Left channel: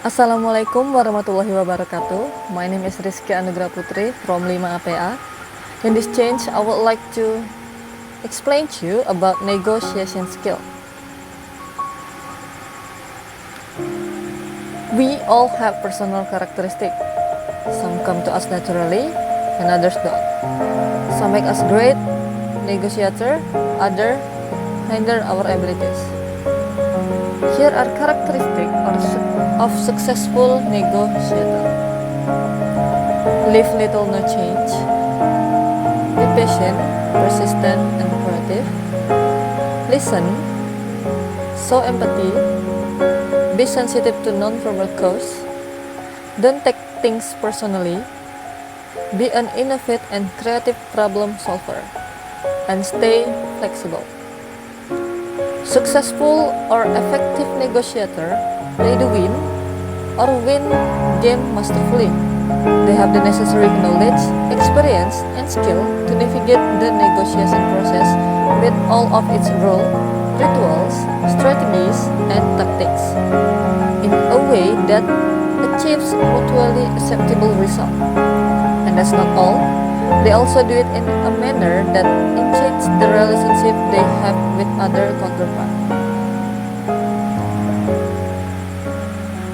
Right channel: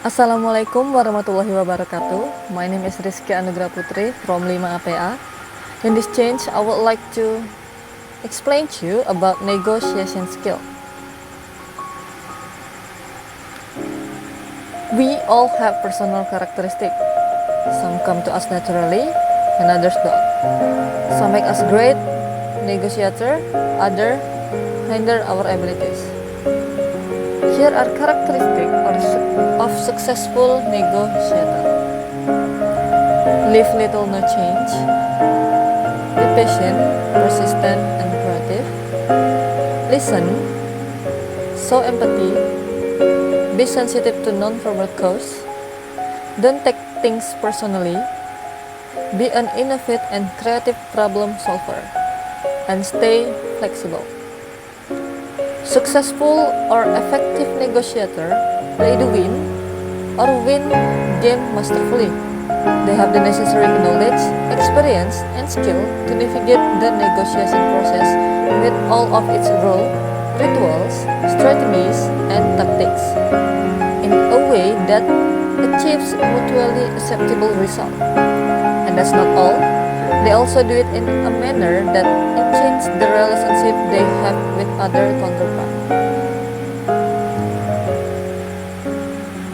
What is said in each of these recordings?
Assalamualaikum warahmatullahi wabarakatuh. My name is Rizky Anugra Putri from 5APA. In this change, I would like to explain to you about negotiation skill. We all have personal characteristics. Some come to us naturally and others don't. Some make us great negotiator, others hinder our abilities. Here are characteristics of successful negotiator. Leave little no change. Be patient, persistent, and creative. Listen. Show empathy. Be sensitive to non-verbal cues. Don't take things personally. Be an innovative and creative problem solver. And stay flexible. Successful or effective negotiator play the win or win game masterfully. They have the necessary knowledge, experience, and skill to navigate the negotiation process with all of its rules, rituals, strategies, and tactics in a way that achieves mutually acceptable result. And that's not all. They also do it in a manner that enhances the relationship they have with other counterparts.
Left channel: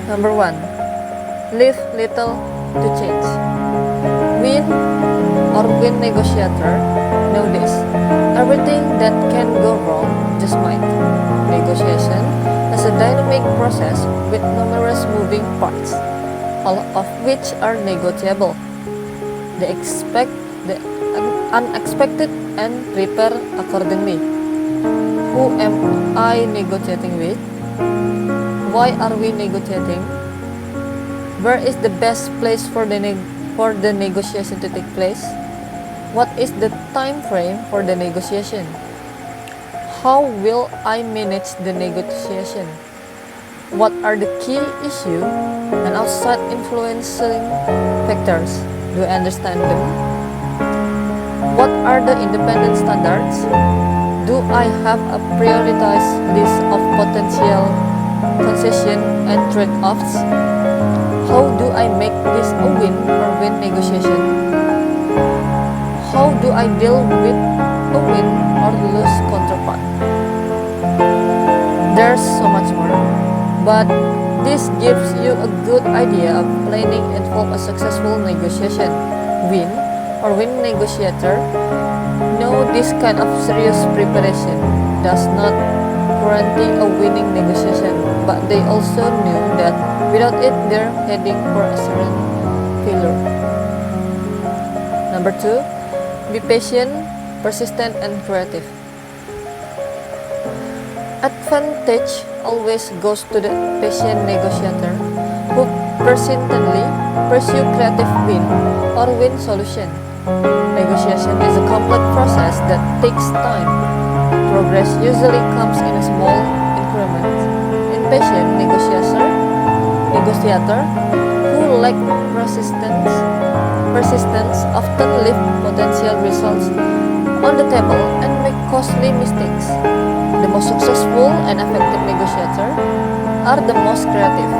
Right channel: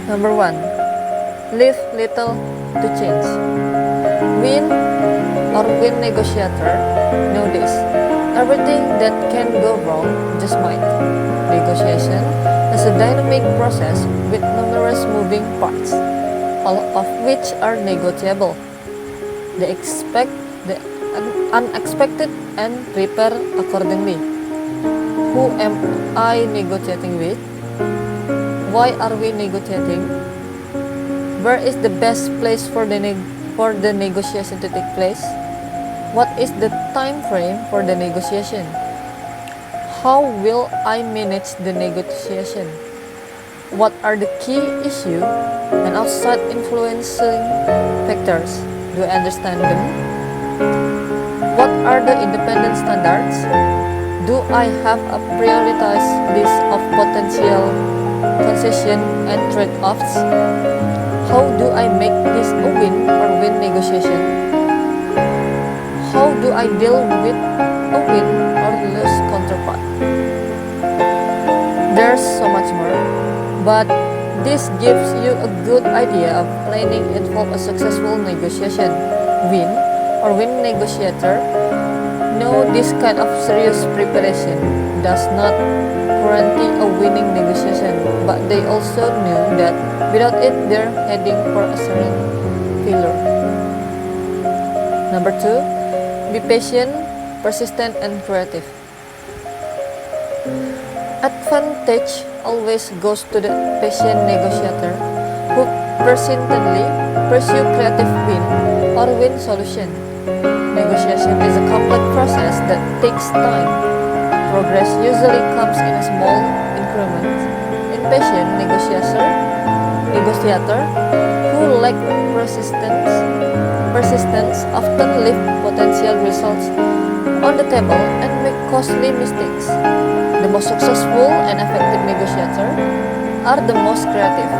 Number 1. Leave little to change. Win or win negotiator know this. Everything that can go wrong just might. Negotiation is a dynamic process with numerous moving parts, all of which are negotiable. They expect the unexpected and prepare accordingly. Who am I negotiating with? Why are we negotiating? Where is the best place for the negotiation to take place? What is the time frame for the negotiation? How will I manage the negotiation? What are the key issues and outside influencing factors? Do I understand them? What are the independent standards? Do I have a prioritized list of potential concession and trade-offs? How do I make this a win or win negotiation? How do I deal with a win or lose counterpart? There's so much more, but this gives you a good idea of planning involve a successful negotiation. Win or win negotiator know this kind of serious preparation does not guarantee a winning negotiation, but they also knew that without it they're heading for a certain failure. Number 2, be patient, persistent, and creative. Advantage always goes to the patient negotiator who persistently pursue creative win or win solution. Negotiation is a complex process that takes time. Progress usually comes in a small increments. Impatient negotiator who lack persistence often leave potential results on the table and make costly mistakes. The most successful and effective negotiator are the most creative.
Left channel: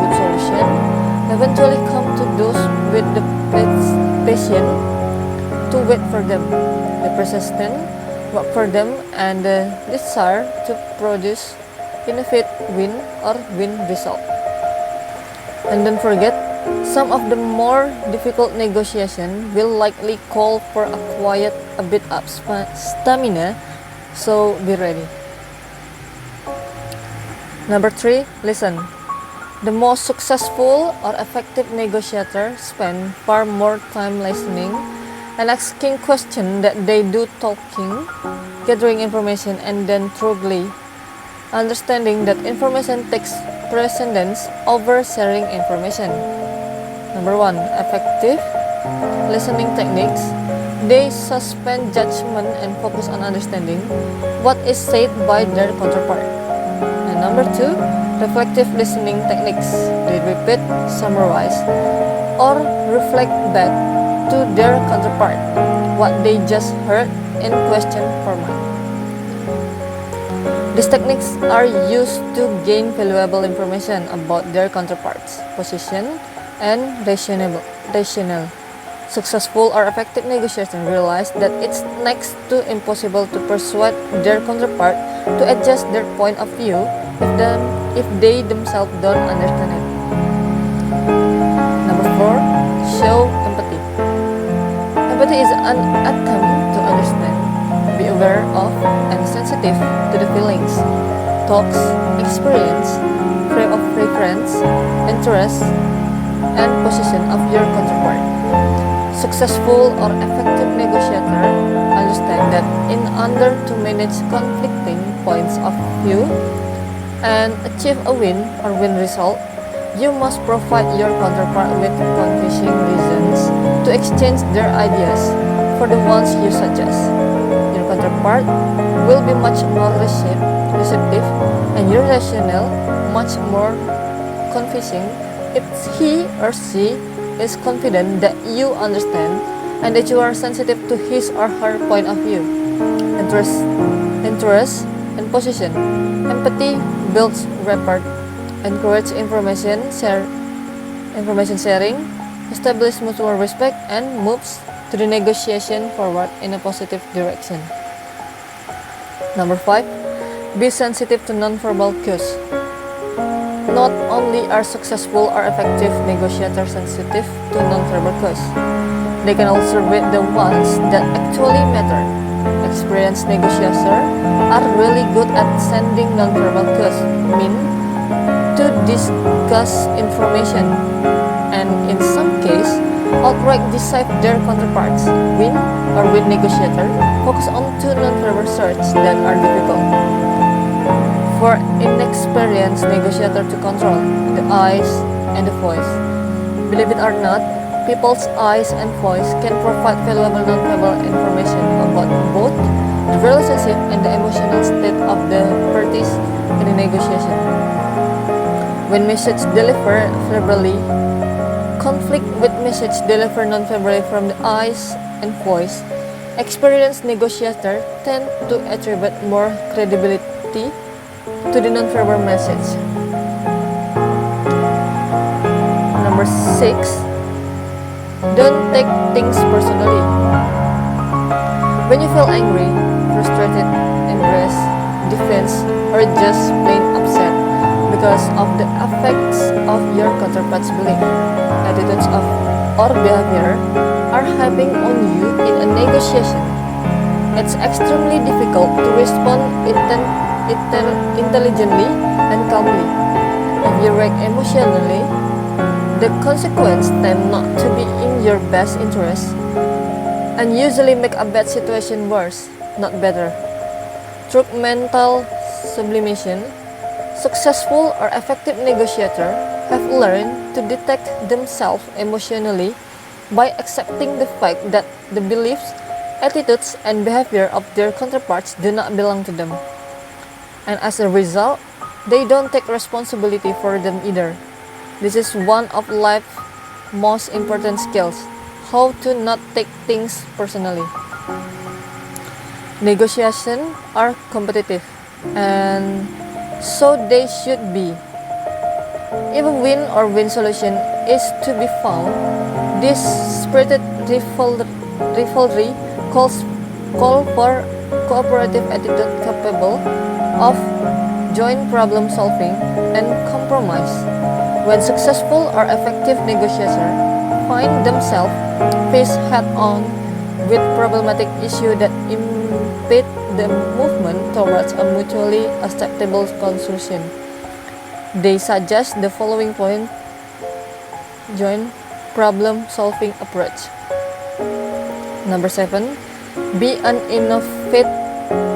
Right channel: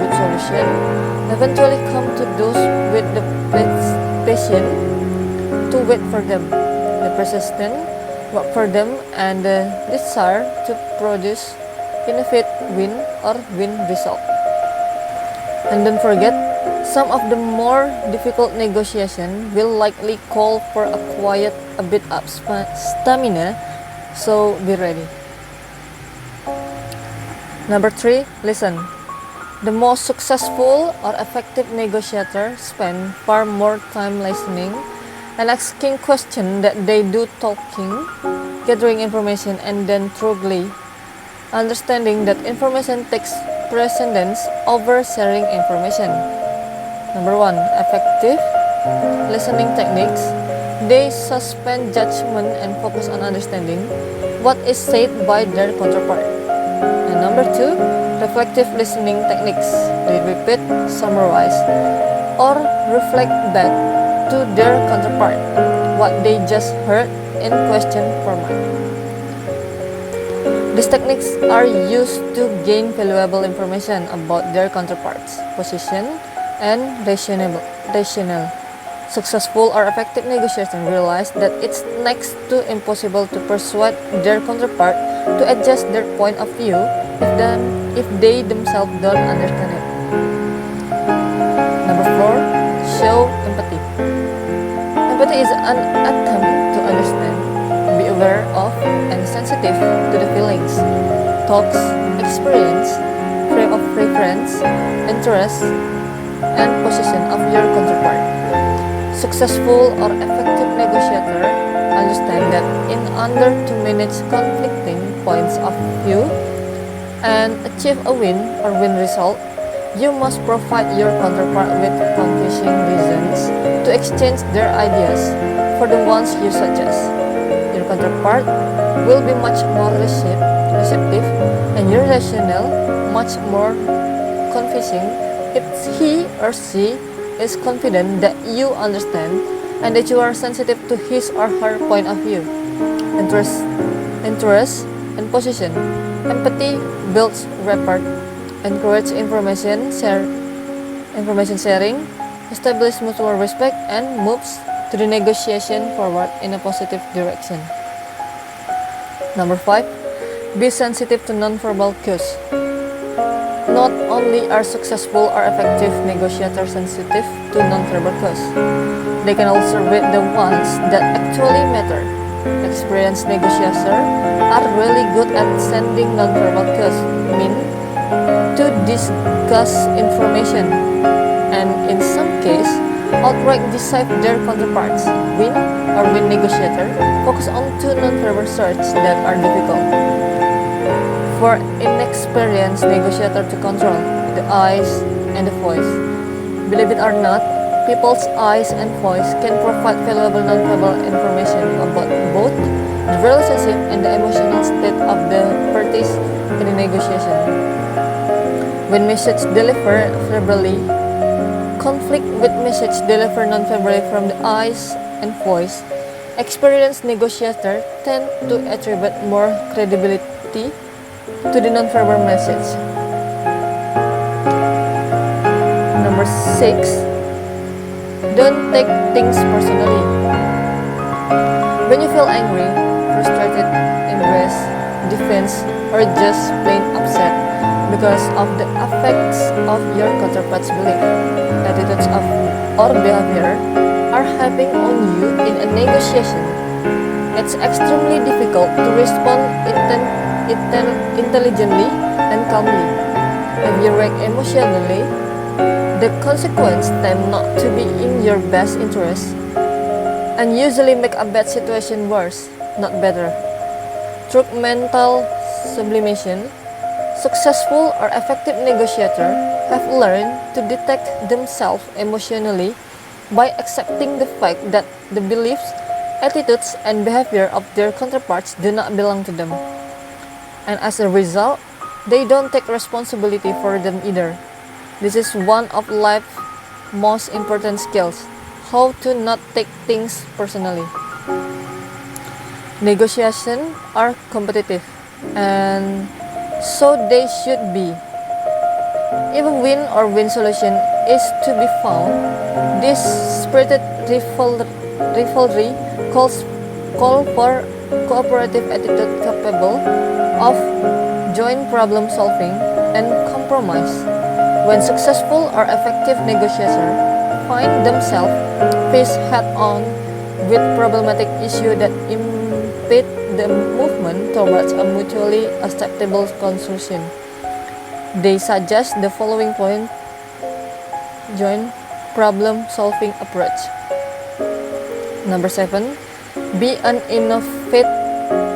Good solution eventually come to those with the patience to wait for them, the persistent work for them, and the desire to produce innovative win or win result. And don't forget, some of the more difficult negotiation will likely call for a bit of stamina, so be ready. Number 3, listen. The most successful or effective negotiator spend far more time listening and asking questions that they do talking, gathering information, and then thoroughly understanding that information takes precedence over sharing information. Number 1, effective listening techniques. They suspend judgment and focus on understanding what is said by their counterpart. And number 2, reflective listening techniques. They repeat, summarize, or reflect back to their counterpart what they just heard in question format. These techniques are used to gain valuable information about their counterparts, position, and rationale. Successful or effective negotiators realize that it's next to impossible to persuade their counterpart to adjust their point of view if they themselves don't understand it. Number 4, show empathy. Empathy is an attempt to understand, be aware of, and sensitive to the feelings, thoughts, experience, frame of reference, interests, and position of your counterpart. Successful or effective negotiator understand that in order to manage conflicting points of view and achieve a win result, you must provide your counterpart with convincing reasons to exchange their ideas for the ones you suggest. Your counterpart will be much more receptive and your rationale much more convincing if he or she is confident that you understand and that you are sensitive to his or her point of view, interest, and position. Empathy builds rapport, encourages information sharing, establishes mutual respect, and moves to the negotiation forward in a positive direction. Number 5, be sensitive to nonverbal cues. Not only are successful or effective negotiators sensitive to nonverbal cues, they can also read the ones that actually matter. Experienced negotiators are really good at sending nonverbal cues, mean to discuss information, and in some cases, outright deceive their counterparts. Win negotiator focus on two nonverbal searches that are difficult for inexperienced negotiator to control: the eyes and the voice. Believe it or not, people's eyes and voice can provide valuable non-verbal information about both the relationship and the emotional state of the parties in the negotiation. When message delivered verbally conflict with message delivered non-verbally from the eyes and voice, experienced negotiators tend to attribute more credibility to the non-verbal message. Number 6, don't take things personally. When you feel angry, frustrated, embarrassed, defense, or just plain upset because of the effects of your counterpart's belief, attitudes or behavior are having on you in a negotiation, it's extremely difficult to respond intelligently and calmly. If you react emotionally, the consequences tend not to be in your best interest and usually make a bad situation worse, not better. Through mental sublimation, successful or effective negotiators have learned to detect themselves emotionally by accepting the fact that the beliefs, attitudes, and behavior of their counterparts do not belong to them. And as a result, they don't take responsibility for them either. This is one of life's most important skills, how to not take things personally. Negotiations are competitive, and so they should be. If a win solution is to be found, this spirited rivalry calls for cooperative attitude capable of joint problem solving and compromise. When successful or effective negotiators find themselves faced head-on with problematic issues that impede the movement towards a mutually acceptable conclusion, they suggest the following point: joint problem solving approach. Number 7, be an innovative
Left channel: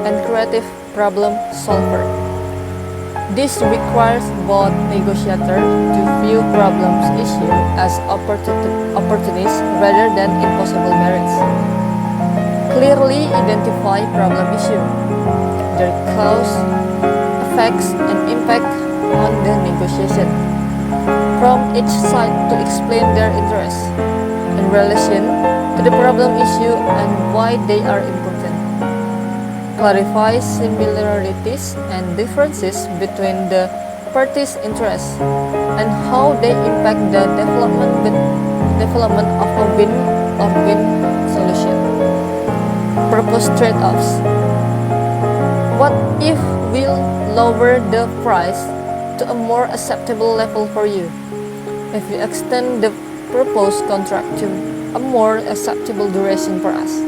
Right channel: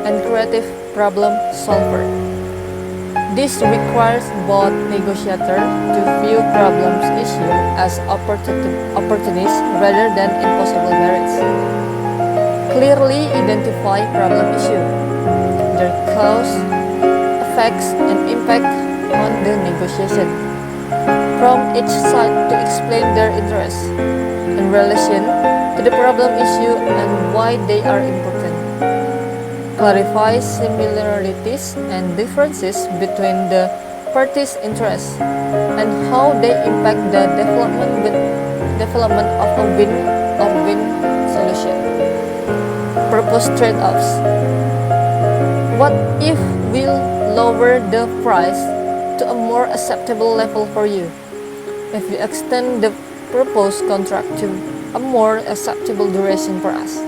and creative problem solver. This requires both negotiators to view problems issue as opportunities rather than impossible merits. Clearly identify problem issue, their cause, effects, and impact on the negotiation. From each side to explain their interests in relation to the problem issue and why they are important. clarify similarities and differences between the parties' interests, and how they impact the development of a win or win solution. Purpose trade-offs. What if we'll lower the price to a more acceptable level for you? If we extend the proposed contract to a more acceptable duration for us,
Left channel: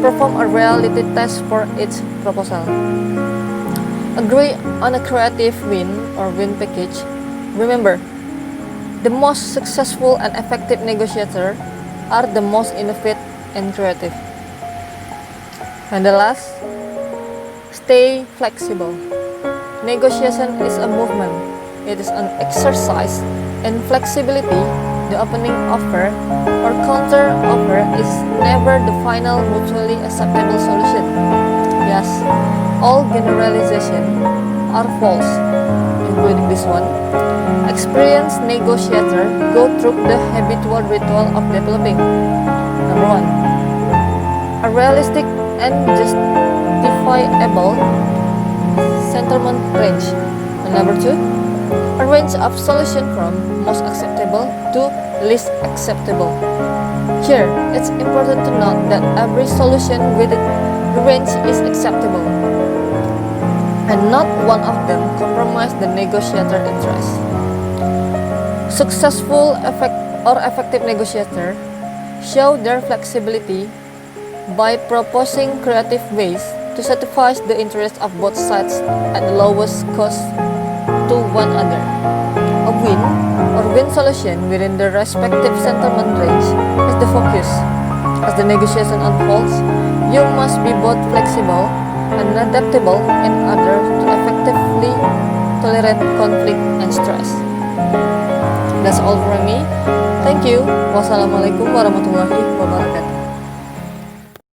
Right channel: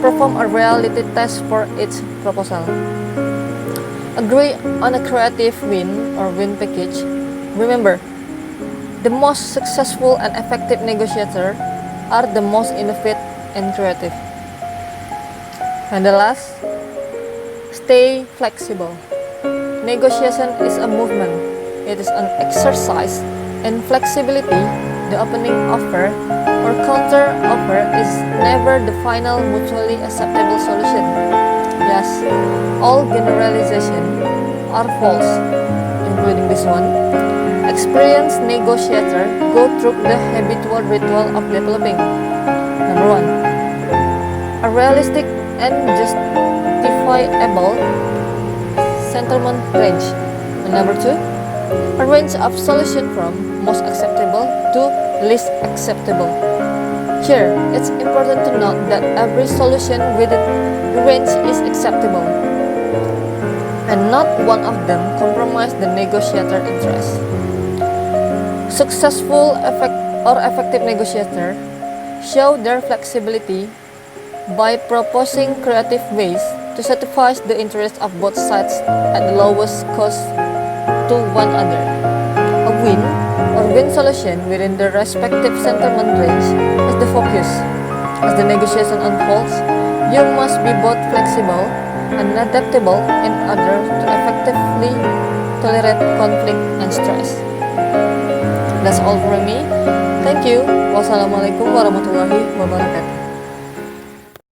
perform a reality test for each proposal. Agree on a creative win or win package. Remember, the most successful and effective negotiators are the most innovative and creative. And the last, stay flexible. Negotiation is a movement. It is an exercise in flexibility. The opening offer or counter offer is never the final mutually acceptable solution. Yes, all generalizations are false, including this one. Experienced negotiators go through the habitual ritual of developing. Number 1, a realistic and justifiable settlement range. And number 2, a range of solutions from most acceptable to least acceptable. Here, it's important to note that every solution within the range is acceptable, and not one of them compromises the negotiator interest. Successful effective negotiators show their flexibility by proposing creative ways to satisfy the interests of both sides at the lowest cost to one another. A win or win solution within the respective settlement range is the focus. As the negotiation unfolds, you must be both flexible and adaptable in order to effectively tolerate conflict and stress. That's all from me. Thank you. Wassalamualaikum warahmatullahi wabarakatuh.